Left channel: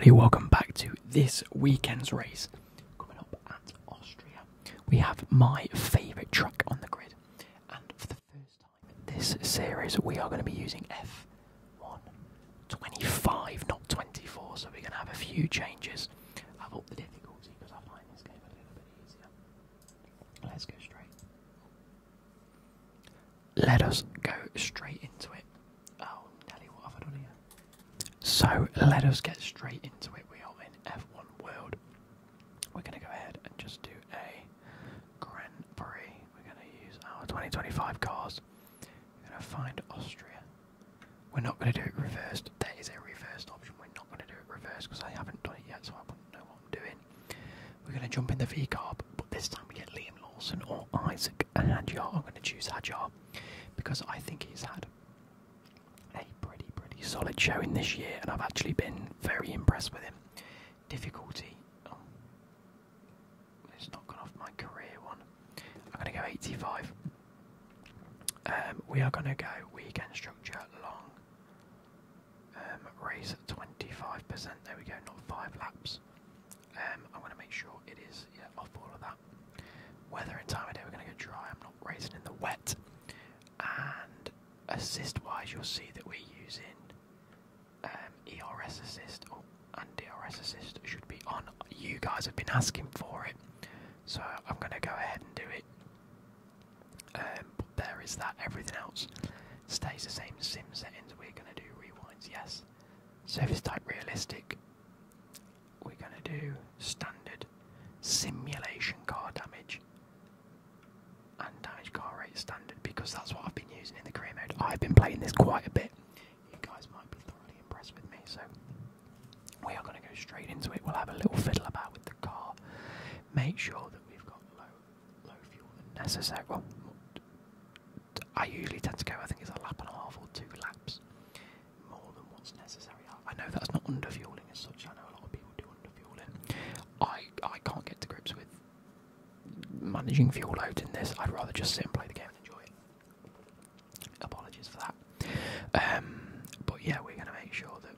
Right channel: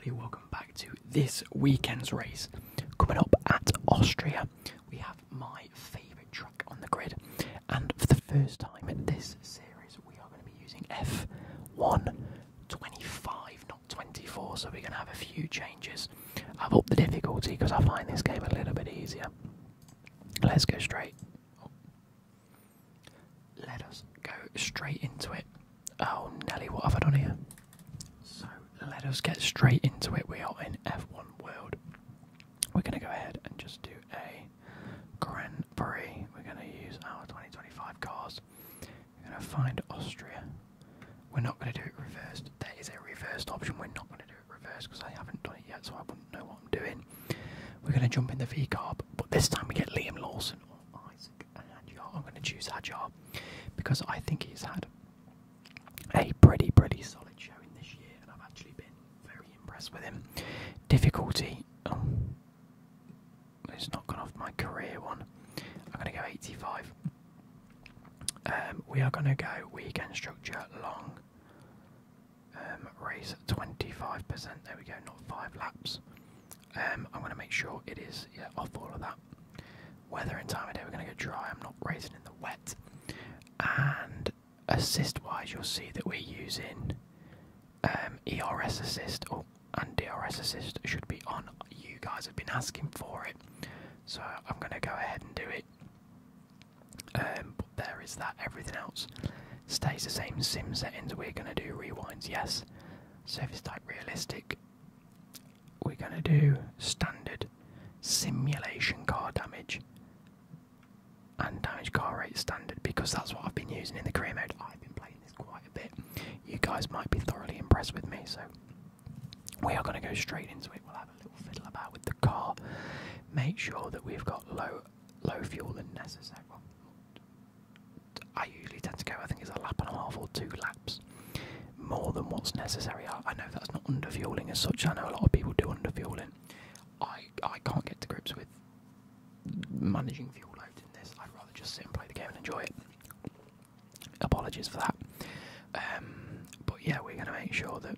everybody, welcome back to this weekend's race. Coming up at Austria, we have my favourite track on the grid, and for the first time in this series we are going to be using F125, not 24, so we're going to have a few changes. I've upped the difficulty because I find this game a little bit easier. Let's go straight. Let us go straight into it. Oh Nelly, what have I done here? So let us get straight into it. We are in F1 World. We're going to go ahead and just do a Grand Prix. We're going to use our 2025 cars. We're going to find Austria. We're not going to do it reversed. There is a reversed option. We're not going to do it reversed because I haven't done it yet, so I wouldn't know what I'm doing. We're going to jump in the V-Carb, but this time we get Liam Lawson or Isaac Hadjar. I'm going to choose Hadjar because I think he's had a pretty solid showing this year, and I've actually been very impressed with him. Difficulty, it's not gone off my career one. I'm going to go 85. We are going to go weekend structure long. Race 25%. There we go, not 5 laps. I'm going to make sure it is off all of that. Weather and time of day, we're going to go dry. I'm not racing in the wet. And assist wise, you'll see that we're using ERS assist and DRS assist should be on. You guys have been asking for it, so I'm going to go ahead and do it. But there is that. Everything else stays the same. Sim settings, we're going to do rewinds, yes. Service type realistic, we're going to do standard. Simulation car damage and damage car rate standard, because that's what I've been using in the career mode. I've been playing this quite a bit. You guys might be thoroughly impressed with me, so we are going to go straight into it. We'll have a little fiddle about with the car, make sure that we've got low fuel than necessary. Well, I usually tend to go, I think it's a lap and a half or 2 laps more than what's necessary. I know that's not underfueling as such. I know a lot of people do underfueling. I can't get to grips with managing fuel loads in this. I'd rather just sit and play the game and enjoy it. Apologies for that. But yeah, we're going to make sure that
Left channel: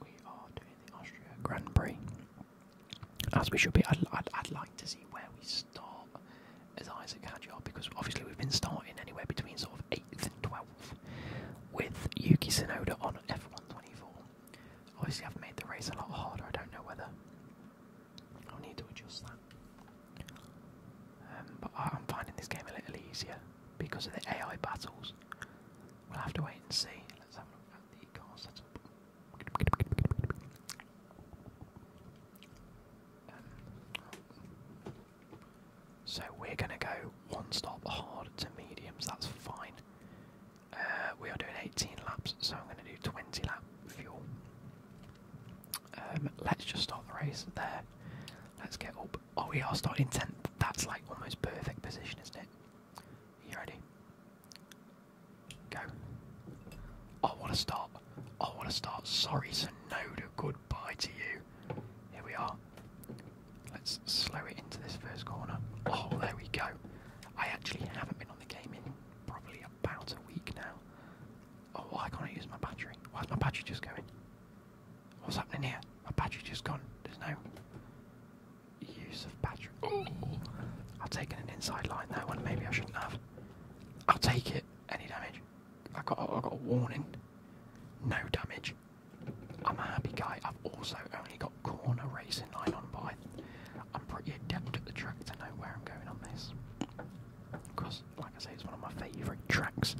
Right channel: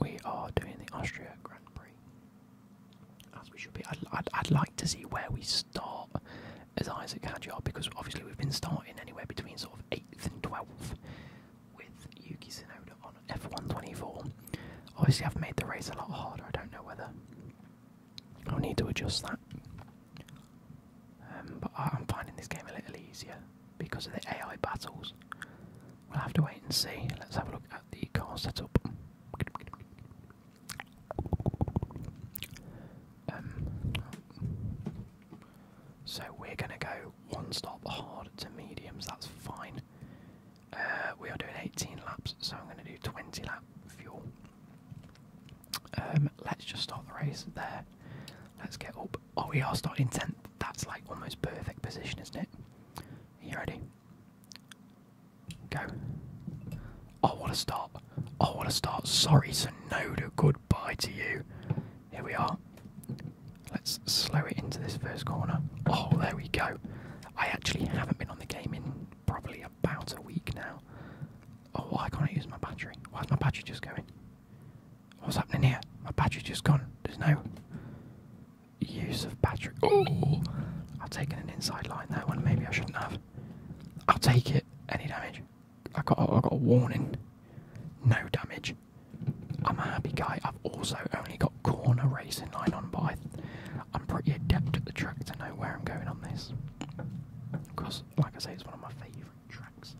we are doing the Austria Grand Prix as we should be. I'd like to see where we start as Isaac Hadjar, because obviously we've been starting anywhere between sort of 8th and 12th with Yuki Tsunoda on F124. Obviously I've made the race a lot harder. I don't know whether I'll need to adjust that. But I'm finding this game a little easier because of the AI battles. We'll have to wait and see. Let's have a look at the car setup. So we're going to go 1 stop hard to mediums, that's fine. We are doing 18 laps, so I'm going to do 20 lap fuel. Let's just start the race there. Let's get up. Oh, we are starting 10th. That's like almost perfect position, isn't it? Are you ready? Go. Oh, what a start. Oh, what a start. Sorry, Tsunoda. Goodbye to you. Here we are. Let's slow it into this first corner. Oh, there we go. I actually haven't been on the game in probably about a week now. Oh, why can't I use my battery? Why's my battery just going? What's happening here? My battery's just gone. There's no use of battery. Oh, I've taken an inside line there when maybe I shouldn't have. I'll take it. Any damage? I got a warning. No damage. I'm a happy guy. I've also only got corner racing line on, but I'm pretty adept at the track to know where I'm going on this. Because, like I say, it's one of my favourite tracks.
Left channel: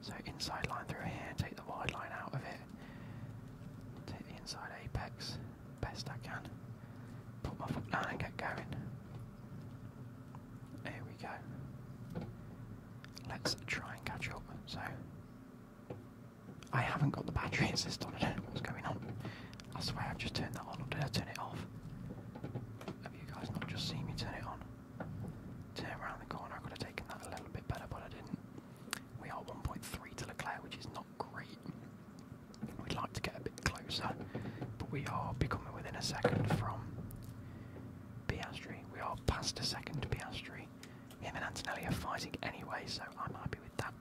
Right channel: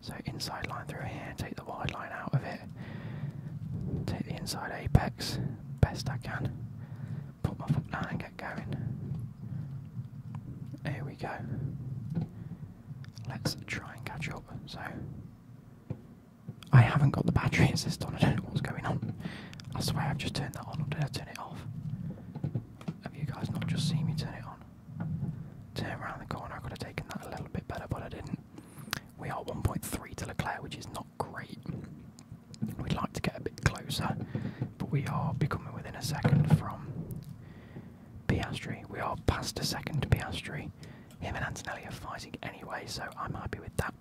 So inside line through here, take the wide line out of it. Take the inside apex, best I can. Put my foot down and get going. Here we go. Let's try and catch up. So I haven't got the battery assist on. I don't know what's going on. I swear I've just turned that on, or did I turn it off? Have you guys not just seen me turn it on? Turn around the corner. I could have taken that a little bit better, but I didn't. We are 1.3 to Leclerc, which is not great. We'd like to get a bit closer, but we are becoming within a second from Piastri. We are past a second to Piastri. Him and Antonelli are fighting anyway, so I'm happy with that.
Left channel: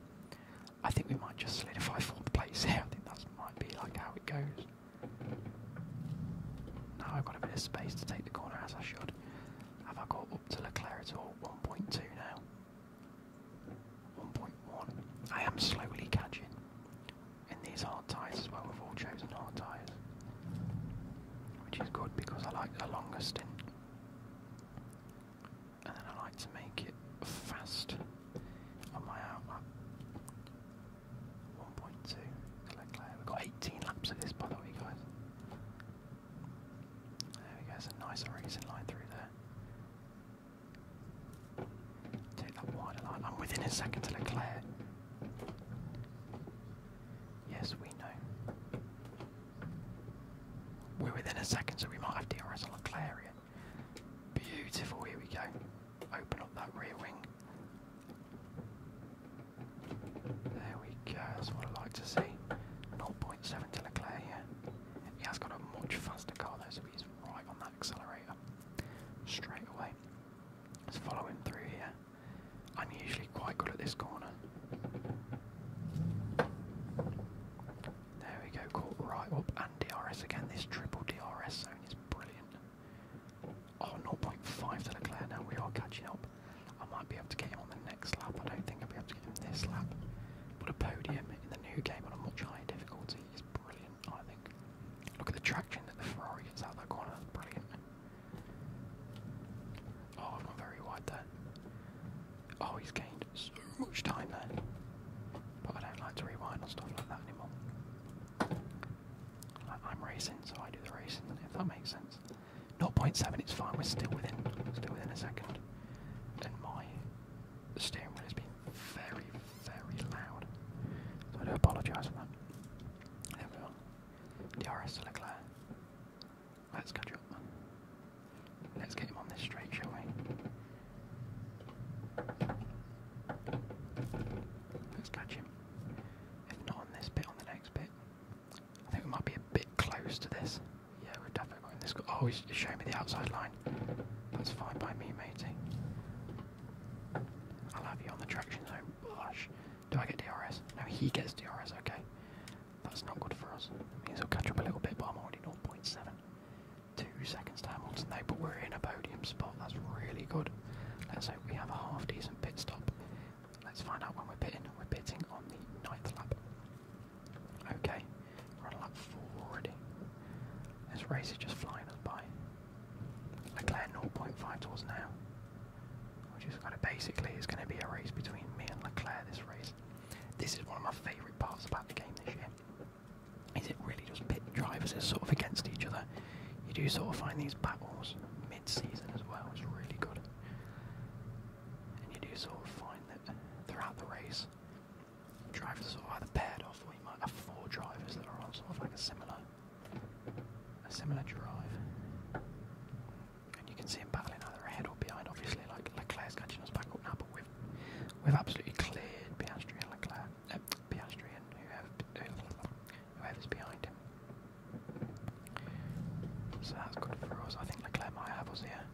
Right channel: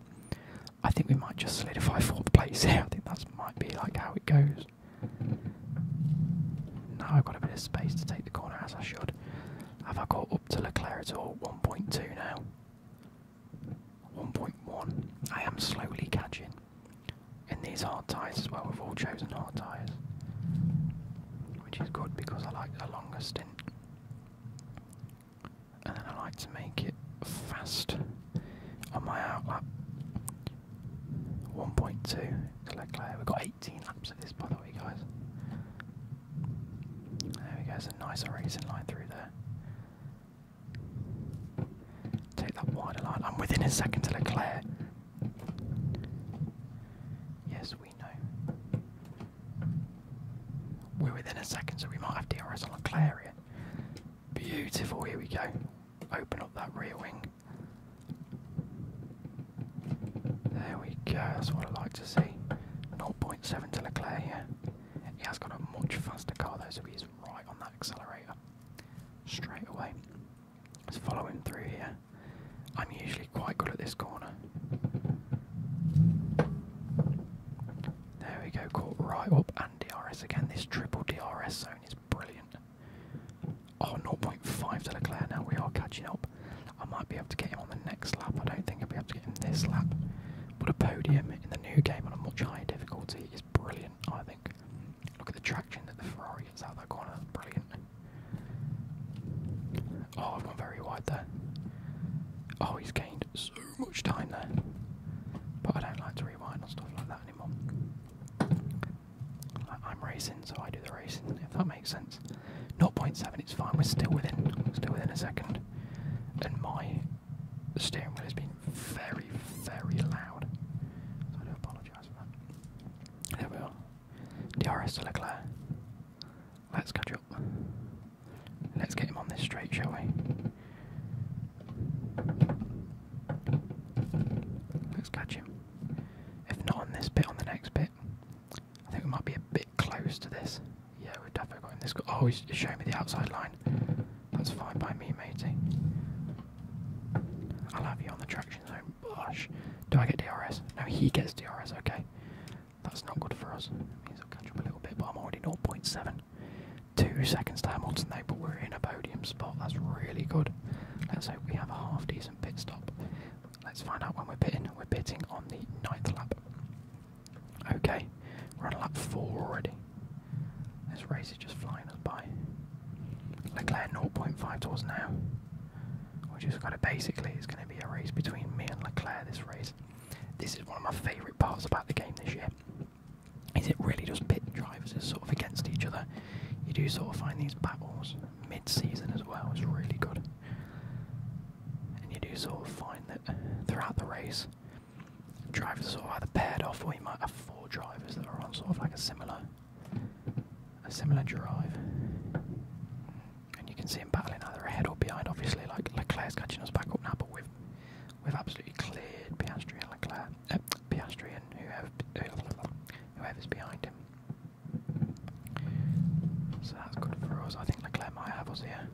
I think we might just solidify 4th place here. I think that might be like how it goes. of space to take the corner as I should. Have I got up to Leclerc at all? 1.2 now. 1.1. I am slowly catching. In these hard tyres as well, we've all chosen hard tyres. Which is good because I like a longer stint. And then I like to make it fast on my outlap. 1.2 to Leclerc. We've got 18 laps of this, by the way, guys. There we go, there's a nicer racing line through there. Take that wider line. I'm within a second to Leclerc. Yes, we know. We're within a second, so we might have DRS on Leclerc here. Beautiful, here we go. Open up that rear wing. There we go, that's what I like to see. 0.7 to Leclerc here. He has got a much faster car though, so he's right on that accelerator. Straight away. Let's follow him through here. I'm usually quite good at this corner. There we go, caught right up and DRS again. This triple DRS zone is brilliant. Oh, 0.5 to Leclerc now, we are catching up. I might be able to get him on the next lap. I don't think I'll be able to get him this lap. But a podium in the new game on a much higher difficulty is brilliant, I think. Look at the traction that the Ferrari gets out of that corner, that's brilliant. Oh, I've gone very wide there. Oh, he's gained so much time there. But I don't like to rewind on stuff like that anymore. I'm racing, so I do the racing, if that makes sense. 0.7, it's fine, we're still within a second. And my steering wheel has been very, very loud. So I do apologise for that. There we are. DRS to Leclerc. Let's catch up. Let's get him on this straight, shall we? Let's catch him. If not on this bit, on the next bit. I think we might be a bit close to this. Yeah, we've definitely got in this. Oh, he's showing me the outside line. That's fine by me, matey. I'll have you on the traction zone. Gosh. Do I get DRS? No, he gets DRS, okay. That's not good for us. It means he'll catch up a little bit, but I'm already 0.7. 2 seconds to Hamilton though, but we're in a podium spot. That's really good. Let's hope we have a half decent pit stop. Let's find out when we're pitting. We're pitting on the 9th lap. Okay, we're on lap 4 already. This race is just flying us by. Leclerc 0.5 to us now. Which is kind of basically, it's going to be a race between me and Leclerc, this race. This is one of my favourite parts about the game this year. Is it really just pit drivers is sort of against each other. You do sort of find these battles mid-season as well, it's really good. And you do sort of find that throughout the race, drivers are sort of either paired off, or you might have 4 drivers that are on sort of like a similar drive. And you can see them battling either ahead or behind, obviously, like Leclerc's catching us back up now, but we've absolutely cleared Piastri and Leclerc, Piastri and whoever's behind him. So that's good for us. I think Leclerc might have us here.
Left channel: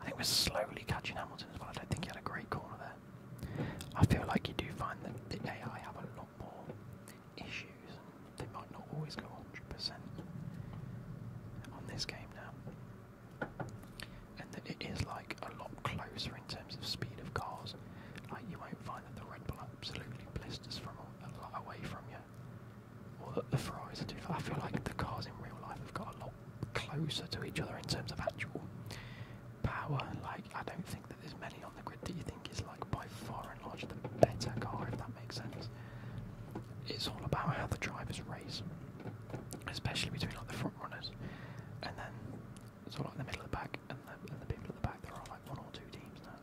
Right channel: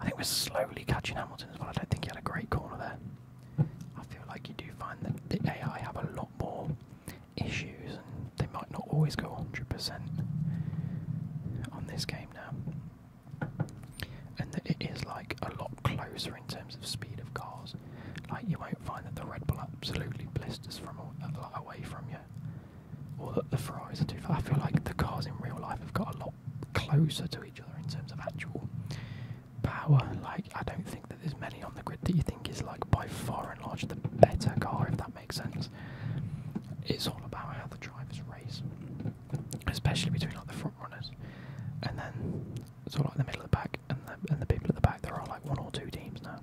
I think we're slowly catching Hamilton as well. I don't think he had a great corner there. I feel like you do find that the AI have a lot more issues and they might not always go 100% on this game now. And that it is like a lot closer in terms of speed of cars. Like you won't find that the Red Bull absolutely blisters from away from you, or that the Ferraris are too far. I feel like the cars in real life have got a lot closer to each other in terms of actual power. Like I don't think that there's many on the grid that you think is like by far and large the better car, if that makes sense. It's all about how the drivers race, especially between like the front runners and then sort of like the middle of the pack and the people at the back. There are like 1 or 2 teams now.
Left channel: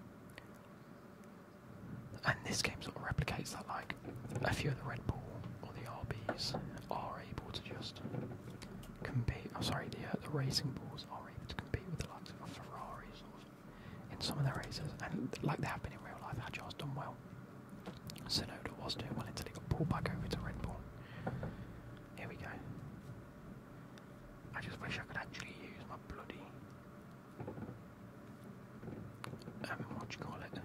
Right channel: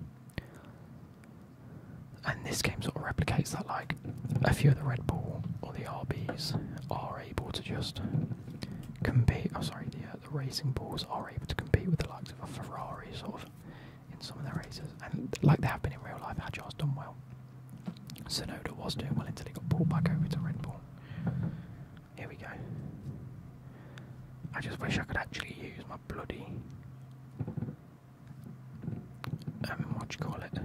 And this game sort of replicates that, like a few of the Red Bull or the RBs are able to just compete. Oh, sorry, the Racing Bulls are able to compete with the likes of a Ferrari, sort of, in some of their races, and like they have been in real life. Agile's done well. Sonoda was doing well until he got pulled back over to Red Bull. Here we go. I just wish I could actually use my bloody what do you call it?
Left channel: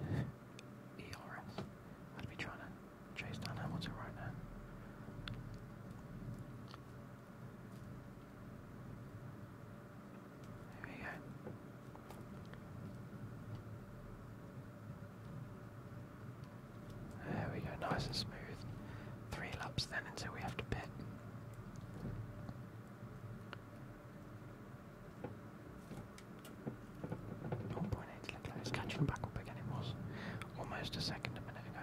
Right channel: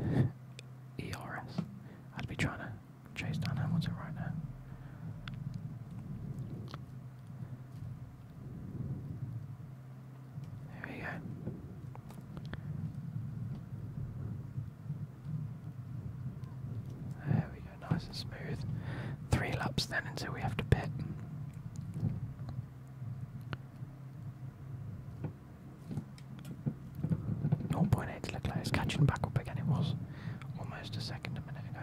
ERS. I'd be trying to chase down Hamilton right now. nice and smooth. 3 laps then until we have to pit. Leclerc is catching back up again. It was almost a second a minute ago.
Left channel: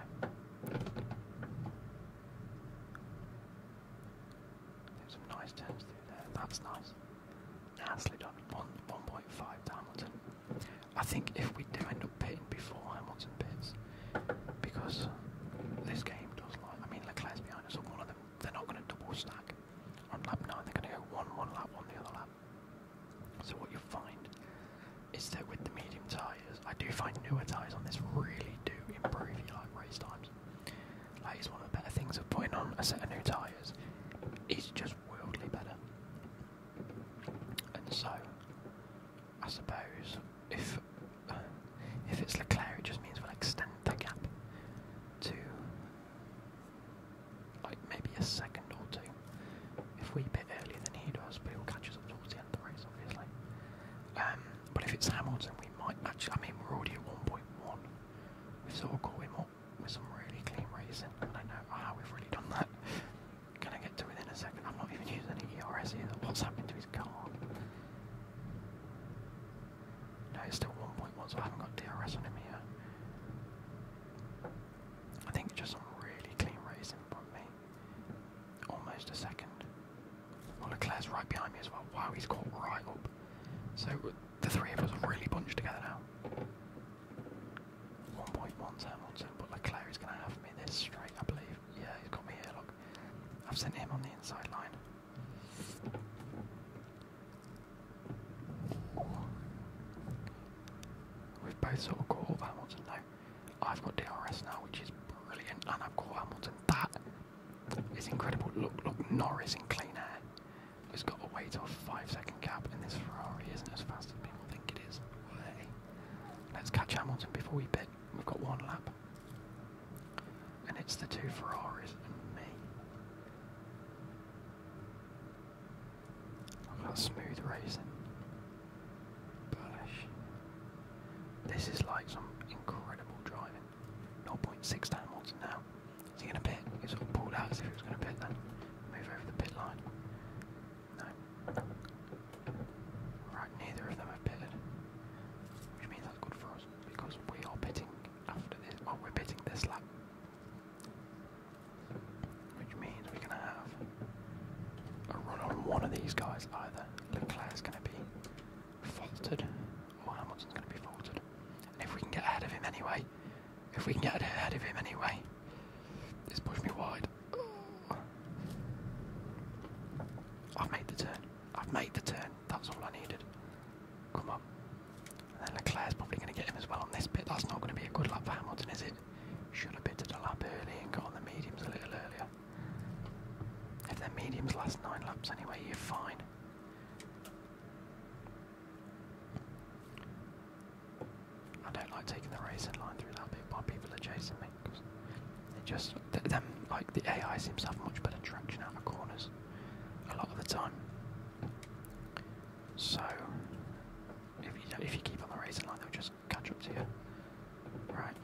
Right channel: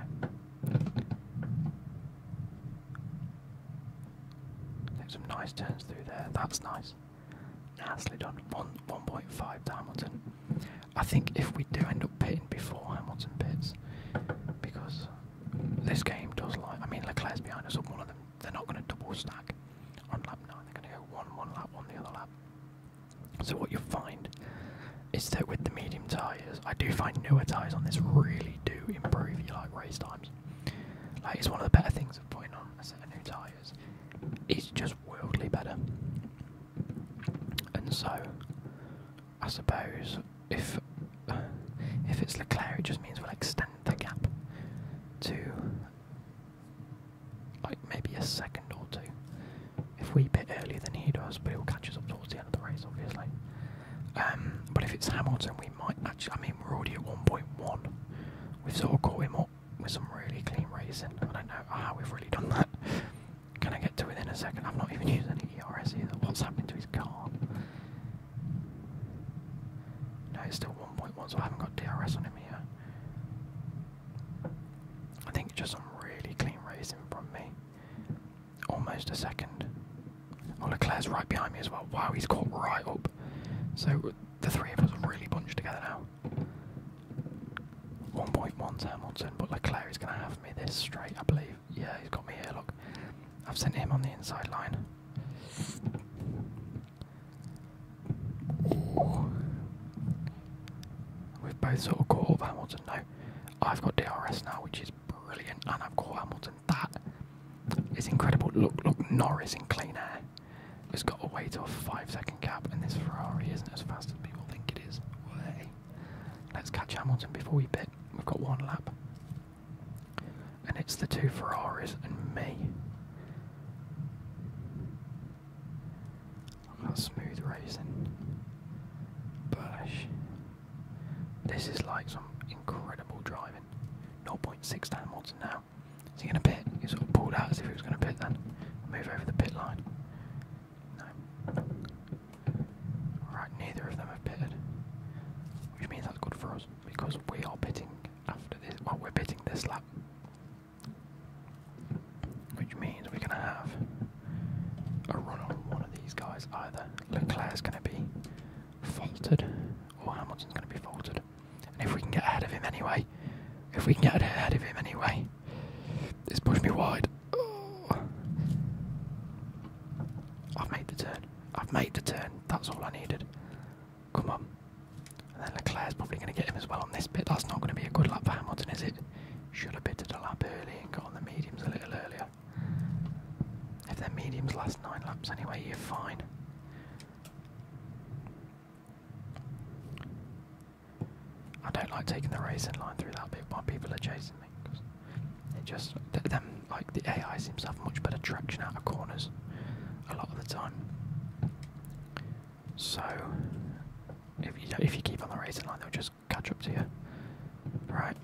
Take some nice turns through there. That's nice. Nicely done. 1.5 to Hamilton. I think if we do end up pitting before Hamilton pits, because this game does like, I mean Leclerc's behind us on one of them, they're not going to double stack on lap 9, they're going to go one lap, on the other lap. So what you'll find is that with the medium tyres, I do find newer tyres on this really do improve your like race times. Like it's one of the better things of putting on a set of new tyres. It's just worldly better. And so, I suppose if it's Leclerc, it just means we'll extend the gap to like maybe a second or two. If we pit earlier than he does, but he'll catch us up towards the end of the race, obviously. But if it's Hamilton, we might actually. I mean, we're already at 1.1. We've sort of caught him up with some really clean racing. I don't know how we've really done that. Can I get to within a second? I've not even used any ERS either. What's happening to his car? No, it's still 1.1, so I haven't got DRS on him here. I think it's just some really clean racing from me. Almost a second. Well, Leclerc's right behind me as well. Wow, he's caught right up. So the three of us have really bunched together now. 1.1 to Hamilton, but Leclerc is going to have me this straight, I believe. Yeah, he's got me here, look. I've sent him on the inside line. Ooh. We've both sort of caught up Hamilton now. I've got DRS now, which is brilliant, and I've caught Hamilton. That is incredible. Look, Norris in clean air has got away to a 5-second gap, and this Ferrari isn't as fast as people think it is. Way. Let's catch Hamilton before we pit. We've got 1 lap. And it's the 2 Ferraris and me. Look at that smooth racing. Bush. This is like some incredible driving. 0.6 to Hamilton now. Is he going to pit? He sort of pulled out as if he was going to pit then. Move over the pit line. No. Right, neither of them have pitted. Which means that's good for us, because we are pitting after this. Well, we're pitting this lap. Which means we're going to have a run on one of these guys. Either Leclerc's going to be faulted, or Hamilton's going to be faulted. And if we can get ahead of him anyway, this pushed me wide. Oh. I've made the turn. That's all I needed. Come on. And then Leclerc's probably going to get him as well on this bit. That's not going to be a good lap for Hamilton, is it? Should have pitted a lap early and got on the mediums a little earlier. If their mediums last 9 laps anyway, you're fine. I don't like taking the racing line through that bit while people are chasing me, because it just, like the AI seems to have much better traction out of corners a lot of the time. So if you keep on the racing line, they'll just catch up to you. Right.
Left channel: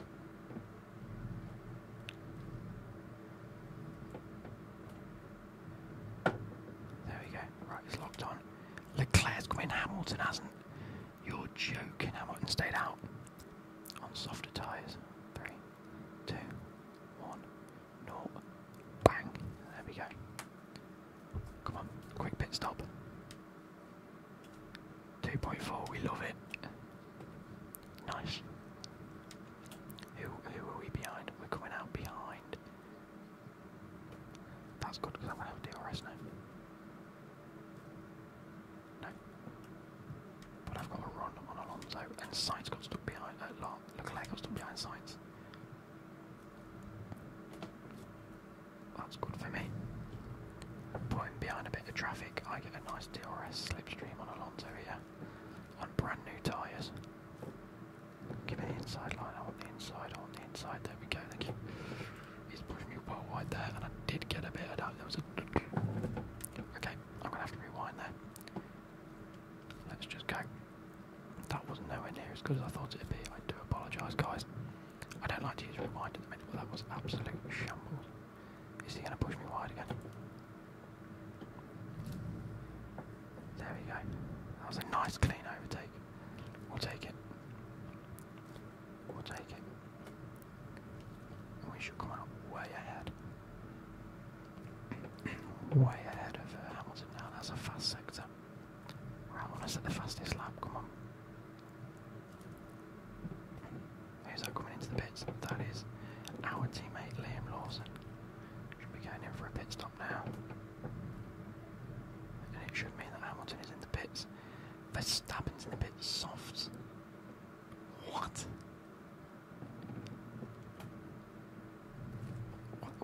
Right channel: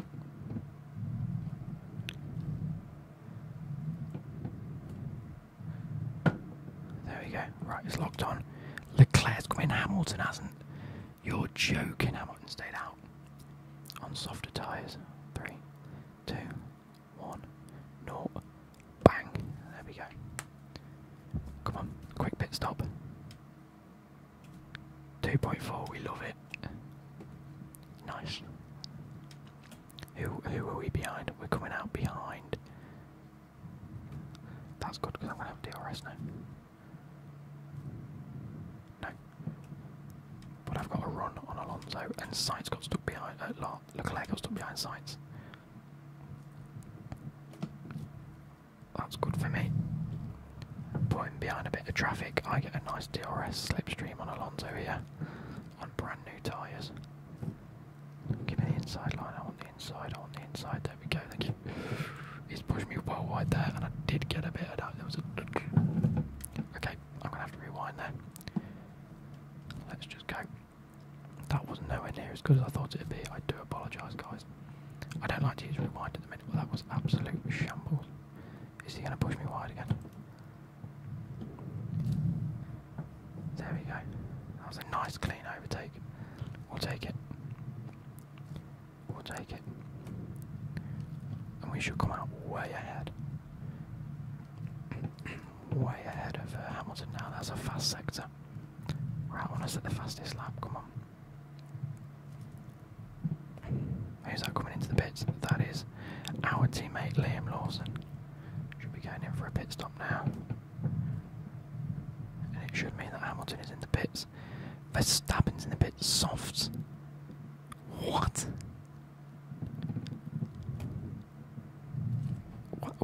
There we go. Right, it's locked on. Leclerc's come in. Hamilton hasn't. You're joking. Hamilton stayed out on softer tyres. 3, 2, 1, 0. Bang. There we go. Come on, quick pit stop. 2.4, we love it. Nice. Who are we behind? We're coming out behind. That's good, because I'm going to have DRS now. No. But I've got a run on Alonso, and Sainz got stuck behind. Leclerc got stuck behind Sainz. That's good for me. Putting behind a bit of traffic, I get a nice DRS slipstream on Alonso here, on brand new tyres. Give me the inside line, I want the inside, there we go, thank you. He's pushed me well wide there, and I did get a bit of that. There was a... Okay, I'm going to have to rewind there. Let's just go. That was nowhere near as good as I thought it would be. I do apologise, guys. I don't like to use rewind at the minute, but that was absolute shambles. Is he going to push me wide again? There we go. That was a nice clean overtake. We'll take it. We'll take it. And we should come out way ahead. Way ahead of Hamilton now. That's a fast sector. Right, I want to set the fastest lap. Come on. Who's that coming into the pits? That is our teammate Liam Lawson. Should be going in for a pit stop now. And it should mean that Hamilton is in the pits. Verstappen's in the pits. Softs. What?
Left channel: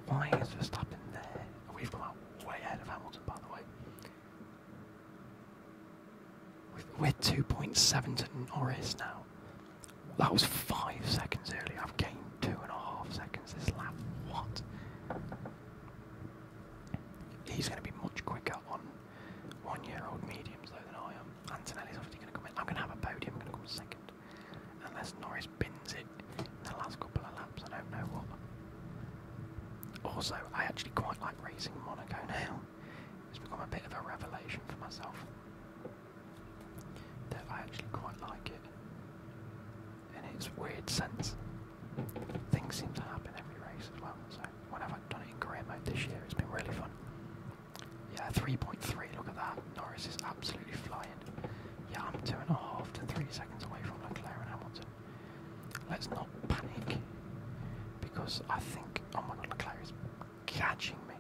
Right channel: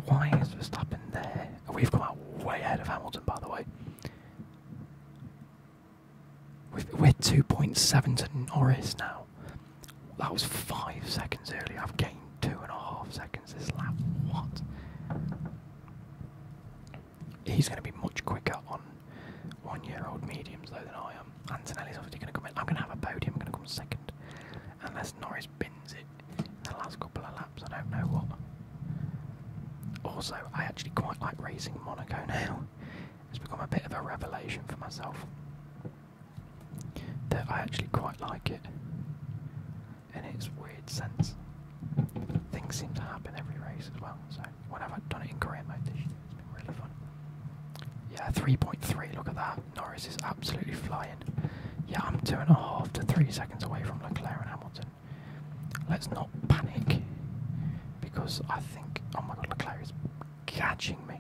Why is Verstappen there? We've come out way ahead of Hamilton, by the way. We're 2.7 to Norris now. That was 5 seconds earlier. I've gained 2.5 seconds this lap. What? He's going to be much quicker on 1-year-old mediums though than I am. Antonelli's obviously going to come in. I'm going to have a podium. I'm going to come second. Unless Norris bins it in the last couple of laps. I don't know what. Also, I actually quite like racing Monaco now. It's become a bit of a revelation for myself. That I actually quite like it. In its weird sense. Things seem to happen every race as well. So when I've done it in career mode this year, it's been really fun. Yeah, 3.3, look at that. Norris is absolutely flying. Yeah, I'm 2.5 to 3 seconds away from Leclerc and Hamilton. Let's not panic. Because I think, oh my god, Leclerc is catching me.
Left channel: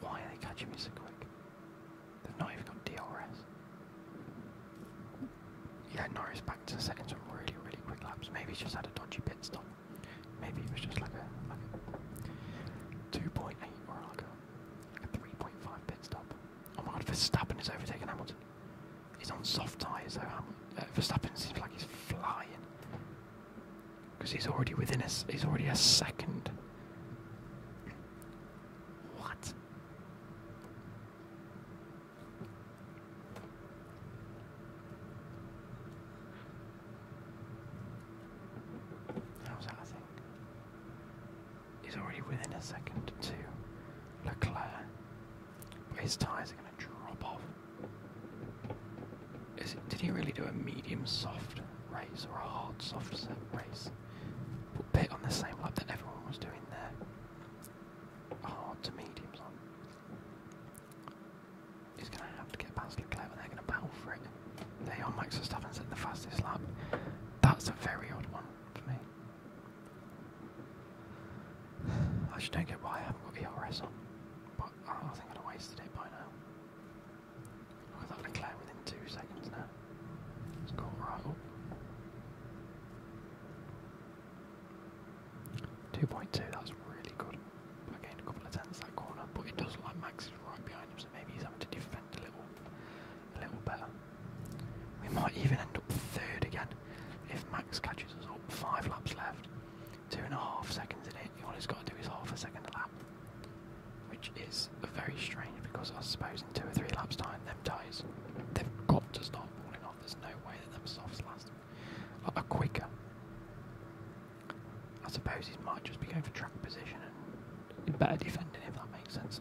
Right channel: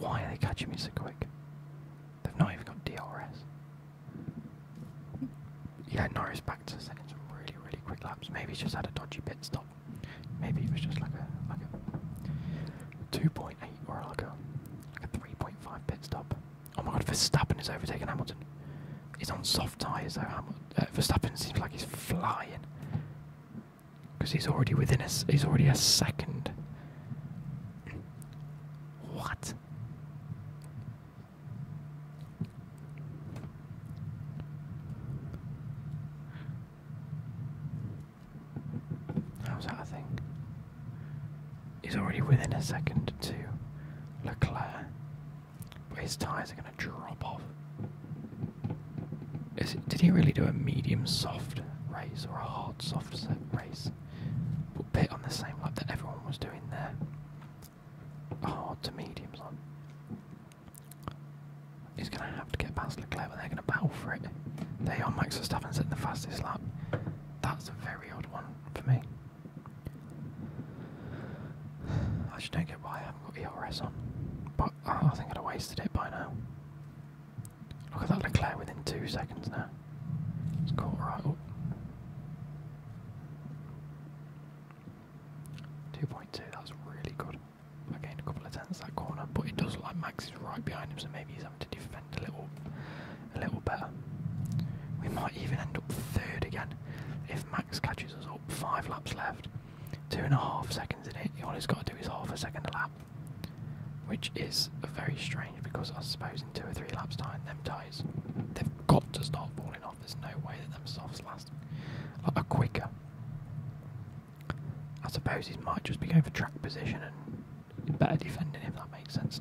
Why are they catching me so quick? They've not even got DRS. Yeah, Norris back to setting some really, really quick laps. Maybe he's just had a dodgy pit stop. Maybe it was just like a 2.8 or like a 3.5 pit stop. Oh my god, Verstappen is overtaking Hamilton. He's on soft tyres though. Verstappen seems like he's flying. Because he's already within us. He's already a second. What? How's that a thing? He's already within a second to Leclerc. But his tyres are going to drop off. Did he really do a medium soft race or a hard soft set race? But pit on the same lap that everyone was doing there. Hard to mediums on. He's going to have to get past Leclerc, but they're going to battle for it. There you are, Max Verstappen setting the fastest lap. That's a very odd one for me. I just don't get why I haven't got ERS on. But I think I'd have wasted it by now. Look at that Leclerc within 2 seconds now. It's caught right up. 2.2, that's really good. I gained a couple of tenths that corner, but it does look like Max is right behind him, so maybe he's having to defend a little better. We might even end up third again if Max catches us up. 5 laps left, 2.5 seconds in it. All he's got to do is half a second a lap, which is very strange because I suppose in 2 or 3 laps time, them tyres, they've got to start falling off. There's no way that them softs last like a quicker. I suppose he might just be going for track position and better defending, if that makes sense.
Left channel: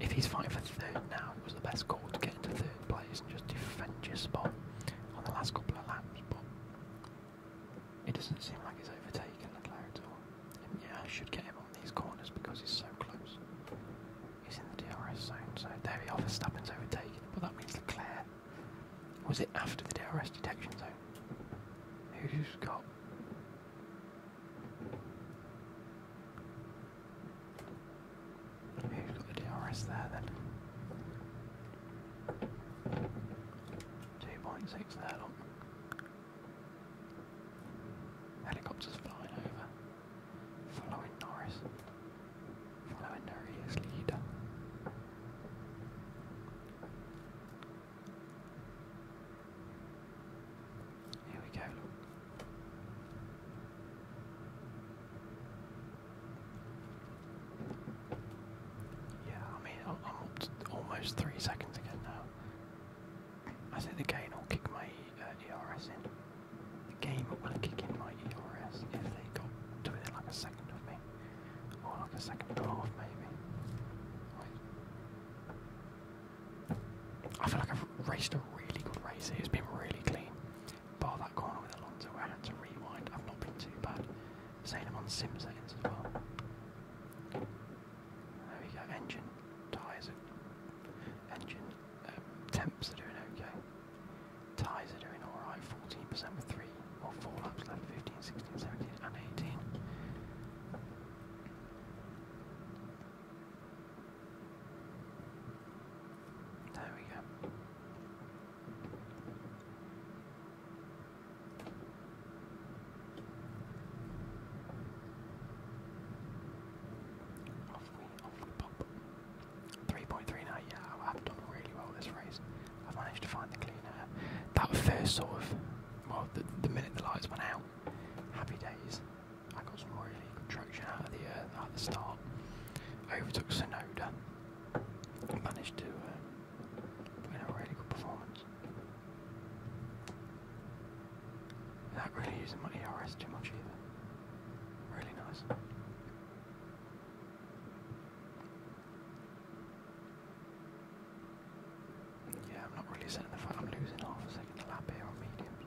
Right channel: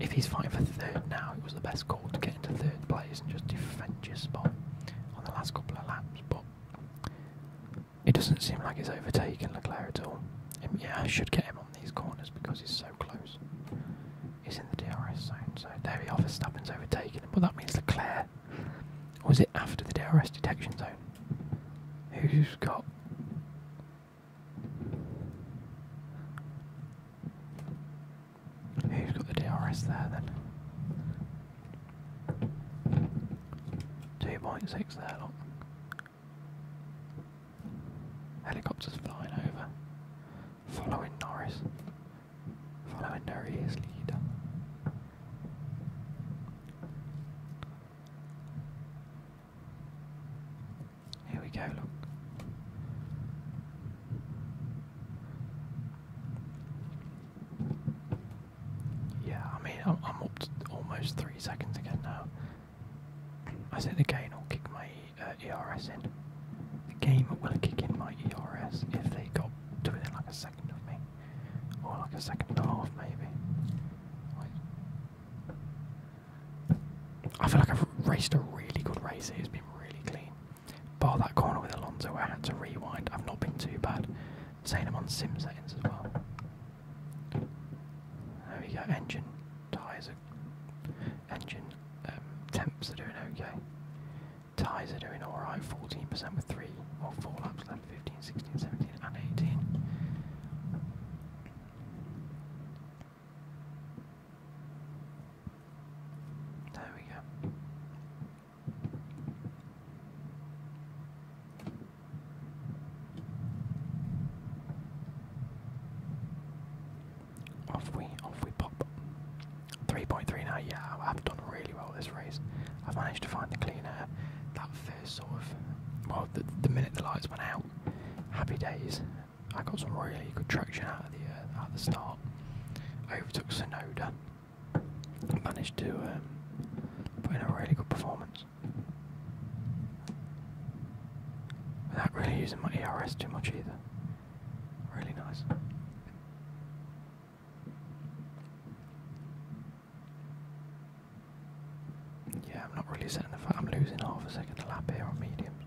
If he's fighting for third now, it was the best call to get into third place and just defend your spot on the last couple of laps. But it doesn't seem like he's overtaken Leclerc at all. Yeah, I should get him on these corners because he's so close. He's in the DRS zone, so there we are. Verstappen's overtaken him, but that means Leclerc. Or was it after the DRS detection zone? Who's got? Who's got the DRS there then? 2.6 there, look. Helicopters flying over. Following Norris. Following Norris' leader. Here we go, look. almost 3 seconds again now. I think the gain will kick my ERS in. The game will kick in my ERS if they got to within like a second of me. Or like a second and a half maybe. I feel like I've raced a really good race here. It's been really clean. Bar that corner with Alonso where I had to rewind, I've not been too bad. Saying I'm on sim settings as well. There we go, engine, tyres are, temps are doing okay. Tyres are doing alright, 14% with 3 or 4 laps left, 15, 16, 17 and 18. There we go. Off we pop. 3.3 now, yeah, I've done really well this race. I've managed to find the clean air. That first sort of, well, the minute the lights went out, happy days. I got some really good traction out of the start. I overtook Sonoda. Managed to put in a really good performance. Without really using my ERS too much either. Really nice. Yeah, I'm not really setting the fact I'm losing half a second a lap here on mediums.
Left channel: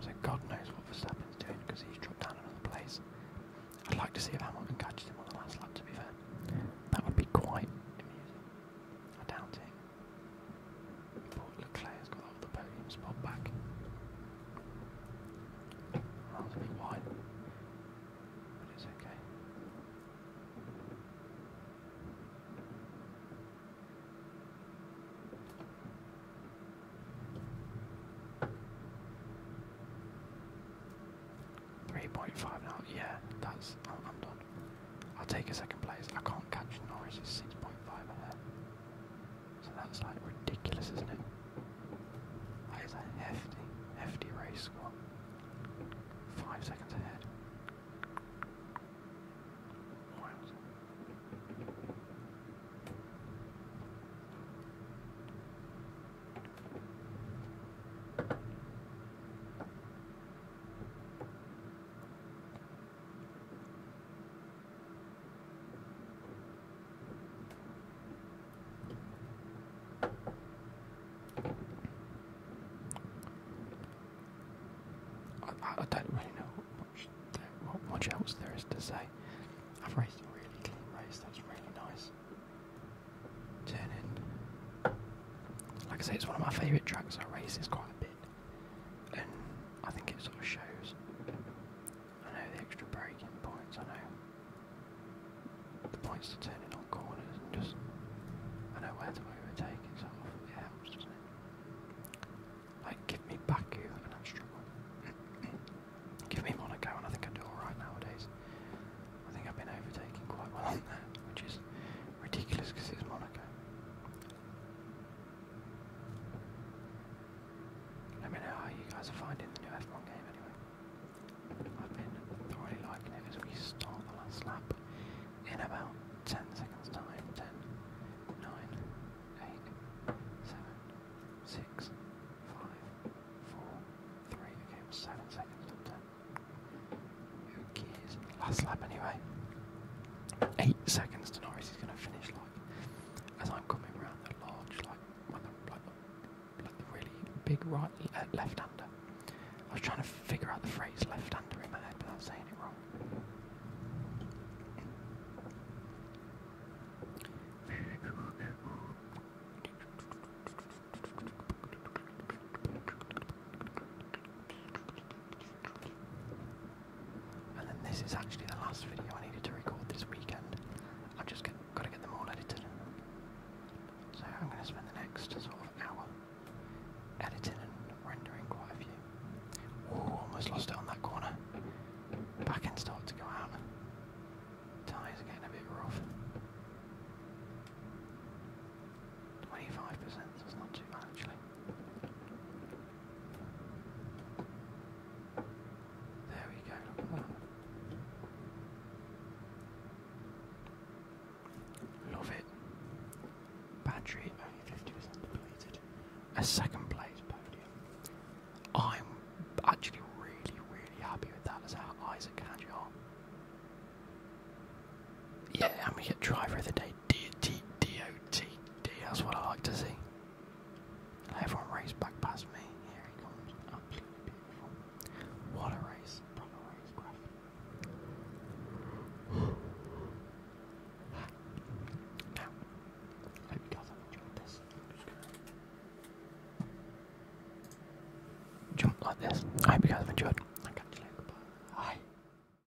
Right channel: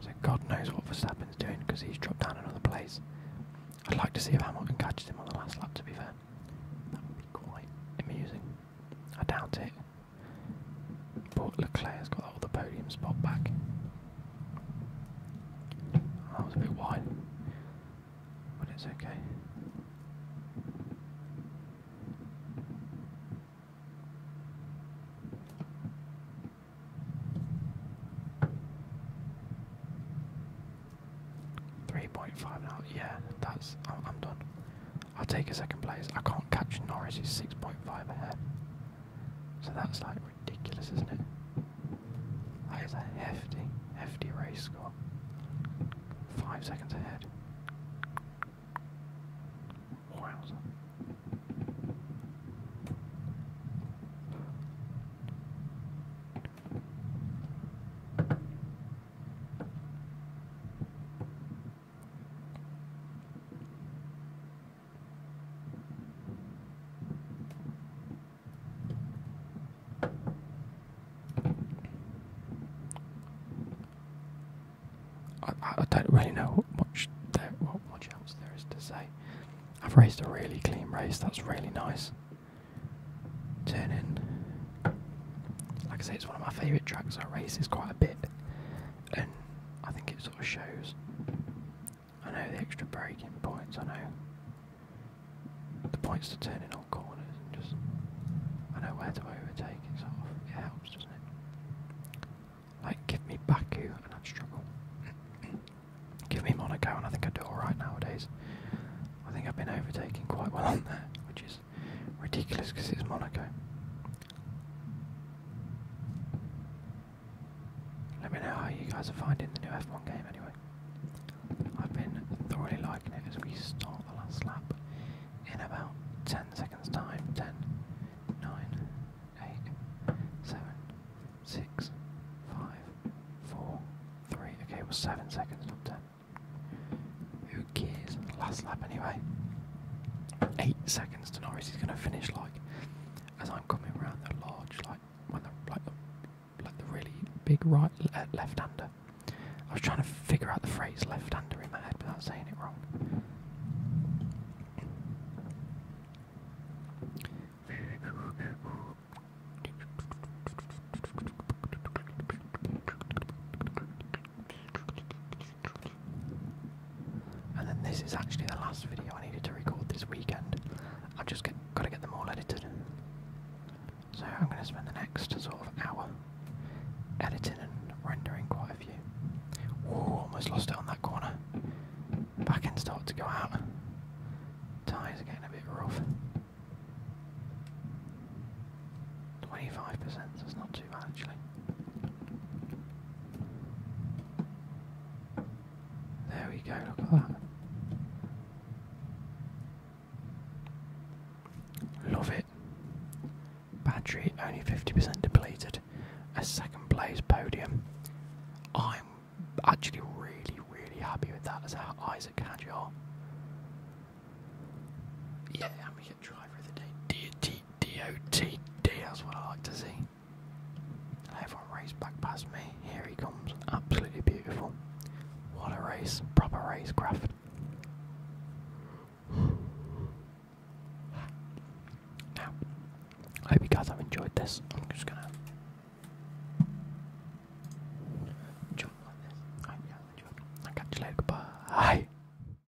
So God knows what Verstappen's doing because he's dropped down another place. I'd like to see if Hamilton catches him on the last lap, to be fair. That would be quite amusing. I doubt it. But Leclerc's got that other podium spot back. That was a bit wide. But it's okay. .5 now, yeah, I'm done. I'll take a second place. I can't catch Norris, he's 6.5 ahead. So that's like ridiculous, isn't it? That is a hefty race score. 5 seconds ahead. Wow. 'I don't really know what much else there is to say. I've raced a really clean race, that's really nice. Turn in. Like I say, it's one of my favourite tracks. I race is quite a bit, and I think it sort of shows. I know the extra braking points, I know the points to turn in on corners, and just I know where to overtake. It sort of it helps, doesn't it? Like give me Baku and I'd struggle. Give me Monaco and I think I do alright nowadays. I think I've been overtaking quite well on there, which is ridiculous because it's Monaco. Let me know how you guys are finding the new F1 game anyway. I've been thoroughly liking it as we start the last lap in about 10 seconds time. 10, 9, 8, 7, 6, 5, 4, 3. Okay, it was 7 seconds, not 10. Who cares? Last lap anyway. 8 seconds to Norris. He's going to finish like as I'm coming around the large, like when the really big left-hander. I was trying to figure out the phrase left-hander in my head without saying it wrong. And then this is actually the last video I needed to record this weekend. I've just got to get them all edited. So I'm going to spend the next sort of hour editing and rendering quite a few. Whoa, almost lost it on that corner. Back end started to go out. Tyres are getting a bit rough. 25%, that's not too bad actually. There we go, look at that. Love it. Battery only second place podium. I'm actually really happy with that as Isaac Hadjar. Yeah, and we get driver of the day, DOTD, that's what I like to see. Everyone raced back past me, here he comes, absolutely beautiful. What a race, proper racecraft. Now, I hope you guys have enjoyed this. I'm just gonna jump like this. I hope you guys have enjoyed. I'll catch you later, goodbye.